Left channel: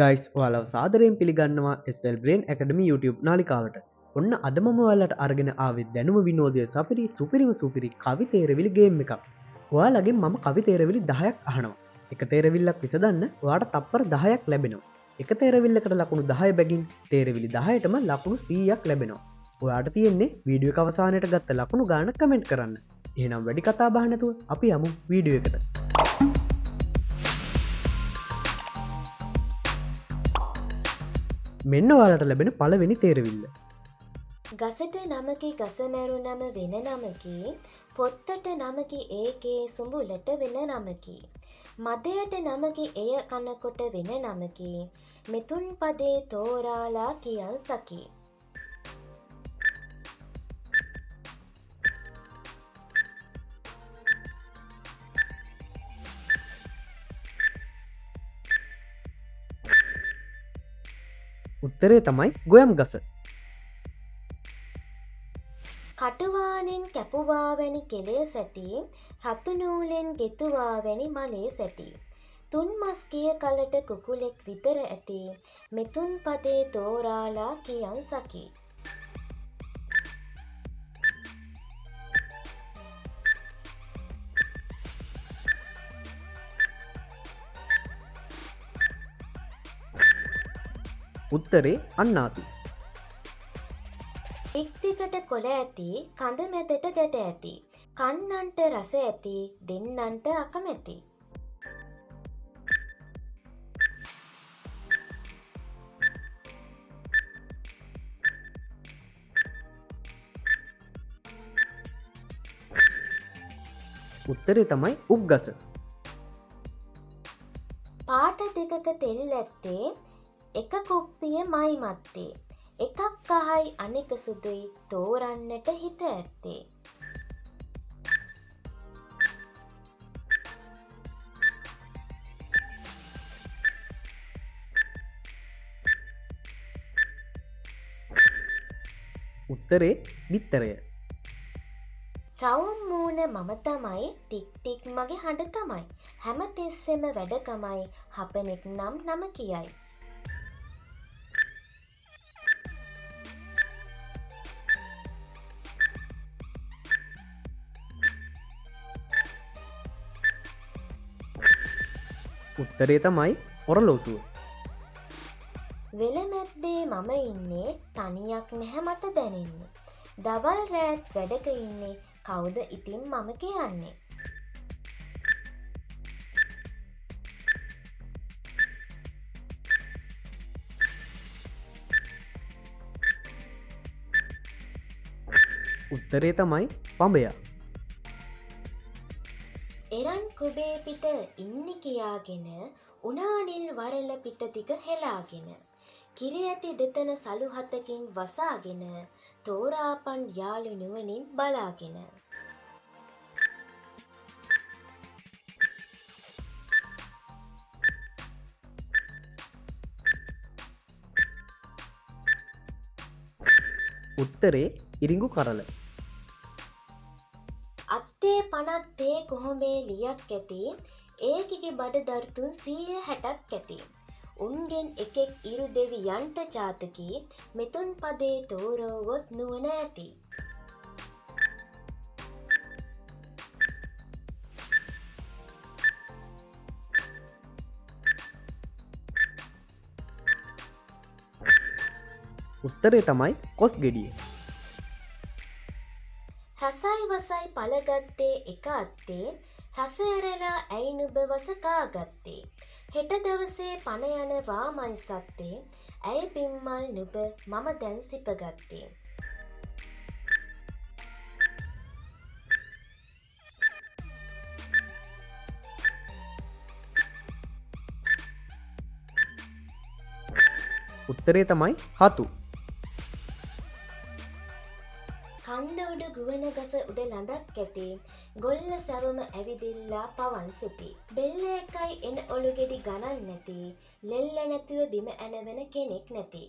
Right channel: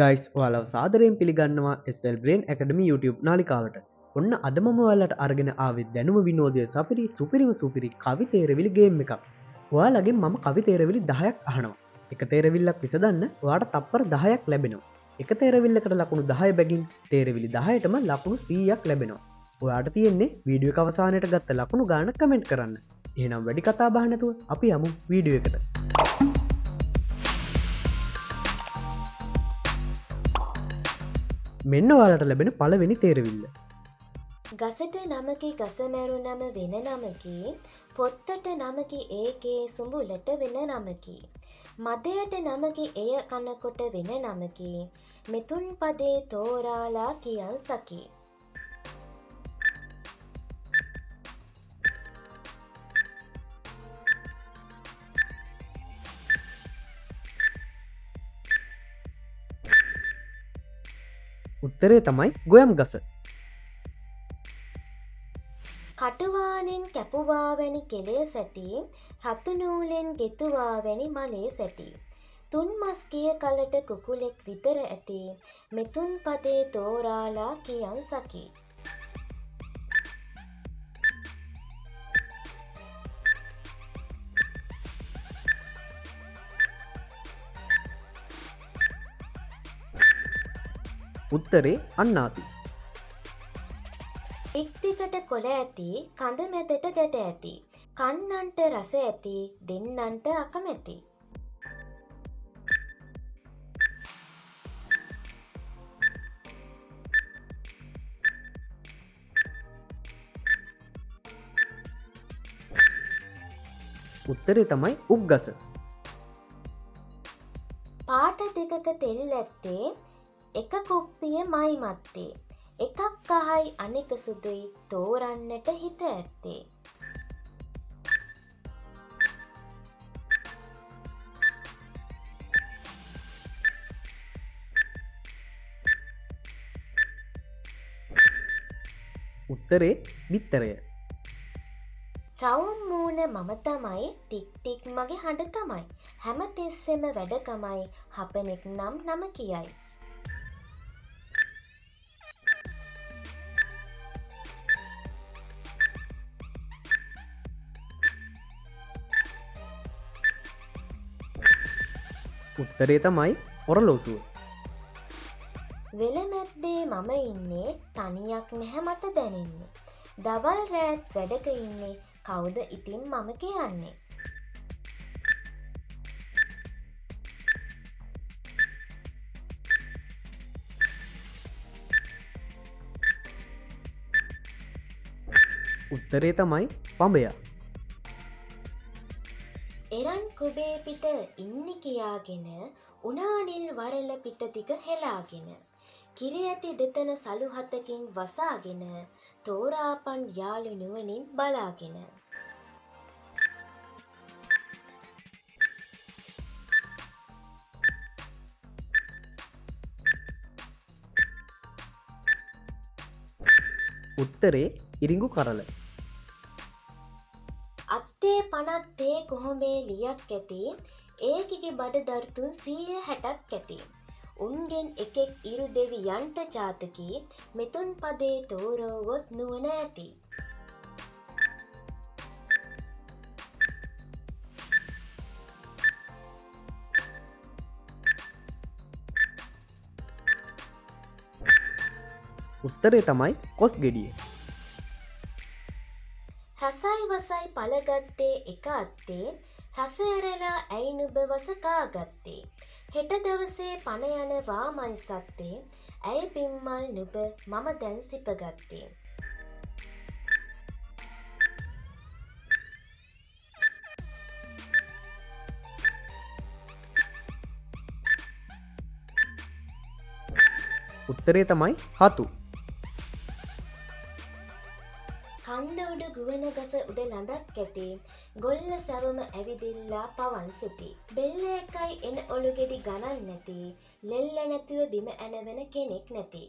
Guys ඔයාලව සාදරයෙන් පිළිගන්නවා SL Brain Academy YouTube නාලිකාවට. ඔන්න අද මම ඔයාලට අරගෙන ආවේ දැනුම විනෝදය සපිරි සුපිරි කවි තේරවිලි ගේම් එකක්. ඔයාලගෙන් මම කවි තේරවිලි 10ක් අහනවා. එක තේරවිල්ලක් විසඳන්න ඔයාට තප්පර 10ක් ලැබෙනවා. එක තේරවිල්ලකට ලකුණු 10 බැගින් තේරවිලි 10ටම ලකුණු 100ක් ලැබෙනවා. ඔයාට තියෙන්නේ වීඩියෝ එක අවසානයට ගත්ත ලකුණු ගාන කමෙන්ට් කරන්න. එහෙනම් වැඩි කතා බහ නැතුව අපි යමු වීඩියෝ එකට. මෙන්න ඔයාලට ලැබෙන පළවෙනි තේරවිල්ල. ගසට නමකි ගස මැරුනම වෙන නමකි, පොත්තට නමකි ඒකේ සුඹුලට වෙන නමකි, මදයට නමකි එය කනකොට වෙන නමකි, මෙතුන් පදේ තෝරාලා කියන් සකි. උත්තරේ තමයි ගොයම් ගස. කටුවානෙන් කැපුවා වැනි කෙලේ සැටි, රතු නූලෙන් ගෙතුවා වැනි මලේ සැටි, තුන් මස් කිය කලට කුකුලෙක් විතර ඇති, මෙතුන් පදේ තෝරාලා කියන් සකි. උත්තරේ අන්නාසි. එක්දිකට කොළ ඇති, කඳ මැදට ගැට ඇති, කන්නන්ට රස ඇති, දෙන්නන්ට අකමැති. උත්තරේ තමයි උග්ගස. පාට දෙකක තෙල් ඇත්තේ, එක කුප්පිය මයි මත්තේ, එකක් කහයි අනෙක සුදුයි තෝරන්නට හිත ඇත්තේ. උත්තරේ බිත්තරය. රවුම් මූණ මම තමයි, ටික් ටික් මගේ හඬ තමයි, හැම තිස්සෙම වැඩකමයි, හපනෙක් නම් නම කියයි. උත්තරේ තමයි ඔරලෝසුව. වෙල මැද්දේ මම ඉන්නේ, තනියක් නැහැ මට දැනෙන්නේ, දවල් රෑත් වැඩක ඉන්නේ, කවුද ඉතින් මම කියන්නේ. උත්තරේ තමයි පඹයා. එරන් කොබේ පිට ඉන්නි කියාගෙන, උනානිල් වරල පිට දිග හෙලාගෙන, කිරි ඇති දෙතන සලු හතකින් වසාගෙන, තෝරාපන් යාළු නුවණින් බලාගෙන. උත්තරේ ඉරිඟු කරල. අත්තේ පනත්තේ කොහොඹේ ලියක් ඇති, ඒකිගේ බඩ දර්තුන් 160ක් ඇති, උන්ගෙන් එකෙක් ඉරු දෙවියන්ට ජාතකි, මෙතුන් පදේ තෝරවොත් නුවණ ඇති. උත්තරේ තමයි කොස් ගෙඩිය. රසයි වසයි පළගත්තේ එක අත්තේ, රස ඇරලා ඇයි නුඹ වසකාගත්තේ, හෙට දවසේ පණ යනවා මයි සත්තේ, ඇයි පිම්මල් නුඹ මම දැන් සිපගත්තේ. උත්තරේ තමයි හතු. කන්ද උඩ ගුවන ගස උඩ ලඳක් ඇති, ගොල්ල සැවම ඇවිදිල්ලා පවන් සිටි, බෙල්ල එකයි එන ඔළුගෙඩි ගණන් නැති, ලෙල්ල නැතුව බිම ඇනවෙන කෙනෙක් නැති.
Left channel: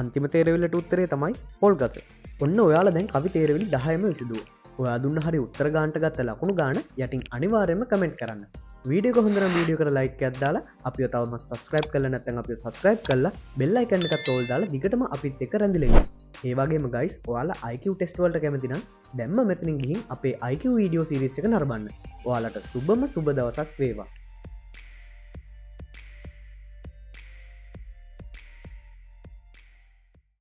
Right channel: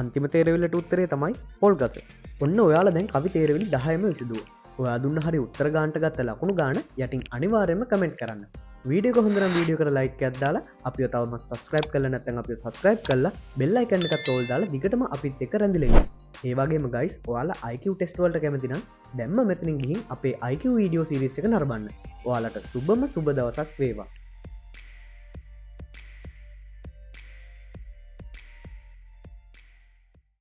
අන්තිම තේරවිල්ලට උත්තරේ තමයි පොල් ගස. ඔන්න ඔයාලා දැන් කවි තේරවිලි 10ම විසඳුවා. ඔයා දුන්න හරි උත්තර ගානට ගත්ත ලකුණු ගාන යටින් අනිවාර්යයෙන්ම කමෙන්ට් කරන්න. වීඩියෝ එක හොඳ නම් වීඩියෝ එකට ලයික් එකක් දාලා අපිව තවමත් subscribe කරලා නැත්නම් අපිව subscribe කරලා bell icon එකත් ඕල් දාලා දිගටම අපිත් එක්ක රැඳිලා ඉන්න. ඒ වගේම guys ඔයාලා IQ test වලට කැමති නම් දැම්ම මෙතනින් ගිහින් අපේ IQ video series එක නරඹන්න. ඔයාලට සුබම සුබ දවසක් වේවා.